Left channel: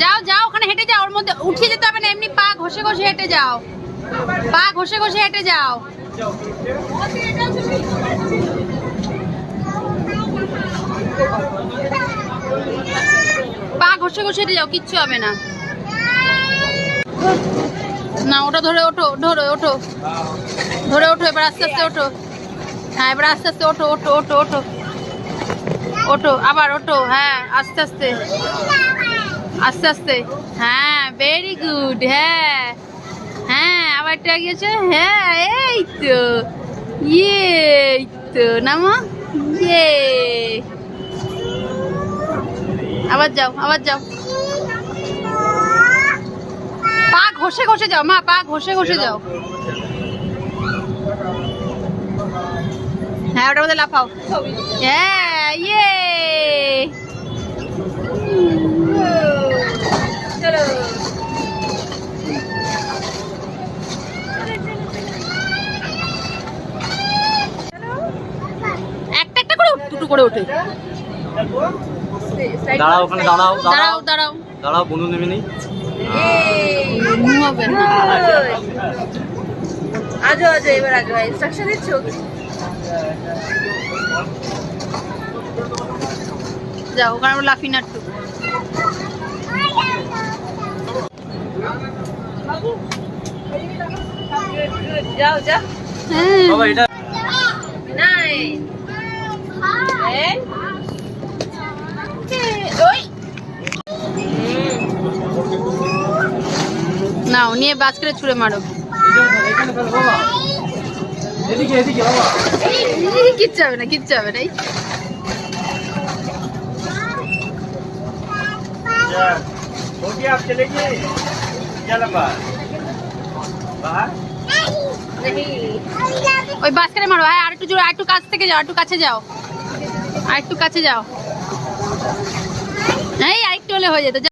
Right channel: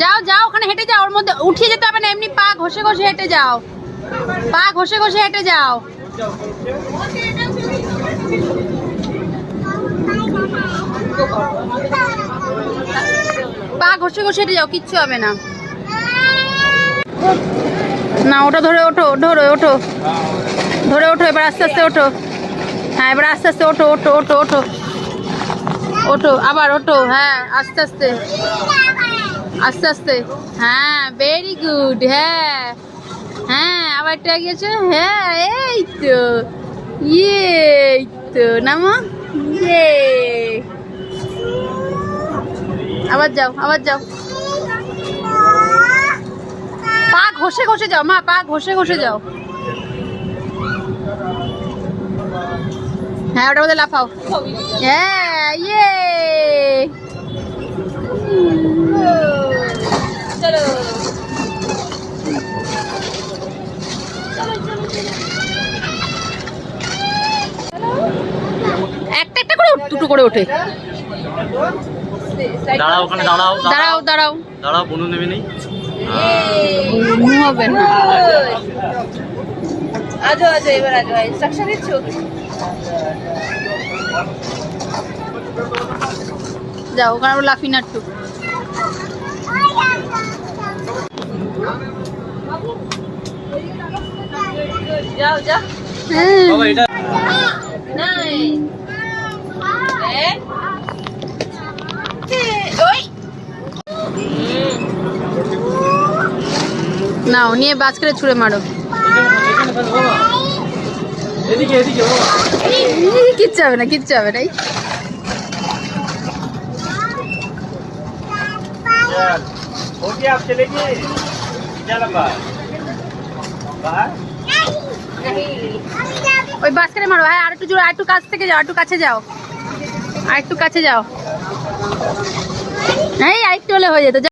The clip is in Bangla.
যাও যাও, ওখানে হেঁটে যাও, ওর মধ্যে উঠিয়ে যেতে হবে না, এমনি পা ঘষে ঘষে হেঁটে যাও, পা ঘষে ঘষে হেঁটে যাও। পা ঘষে ঘষে হেঁটে যাও, কিচ্ছু হবে না। না ওটা ধরে ওঠো, ধরে ওঠো, ধরে ওঠো, এবার আস্তে আস্তে ওঠো। হ্যাঁ এবার আস্তে আস্তে ওঠো, ওঠো ওঠো ওঠো ওঠো, আবার ওঠো, হ্যাঁ আস্তে আস্তে আস্তে আস্তে, হ্যাঁ ভেরি গুড, হ্যাঁ হ্যাঁ আবার একটা গিয়েছে, হ্যাঁ এই তো, এই তো নামো, ইয়ে, আবার যাও, আবার যাও, পা ঘষে ঘষে যাও মা, পা ঘষে ঘষে যাও। হ্যাঁ ওটার মধ্যে লাফাও, হ্যাঁ ইয়ে, চলো একটা একটা করে দুটো করে ওঠে। দাঁড়াও, ওখানে দাঁড়াও, দাঁড়াও দাঁড়াও দাঁড়াও, বনু নেবে নেই হবে না। আজো আজো, এবার আজো ইনস্ট্রাকশন দিচ্ছ। যাও ওখানে লাফি না একটু। যাও যাও, বাবা এটা 9 ওই নাও নিয়ে বাজ করে ছুঁড়ে মারো। এদিকে এদিকে বাবা, কিচ্ছু হবে না, কিচ্ছু হবে না। हो गया आप चले गए क्या लगा बाहर ওই বাজ করে মারো, হ্যাঁ আর একটু জোরে, আর একটু কাছ থেকে যাও, আর একটু কাছে যাও, আর একটু কাছে যাও, এই আর একটু হলে হয়ে যেত।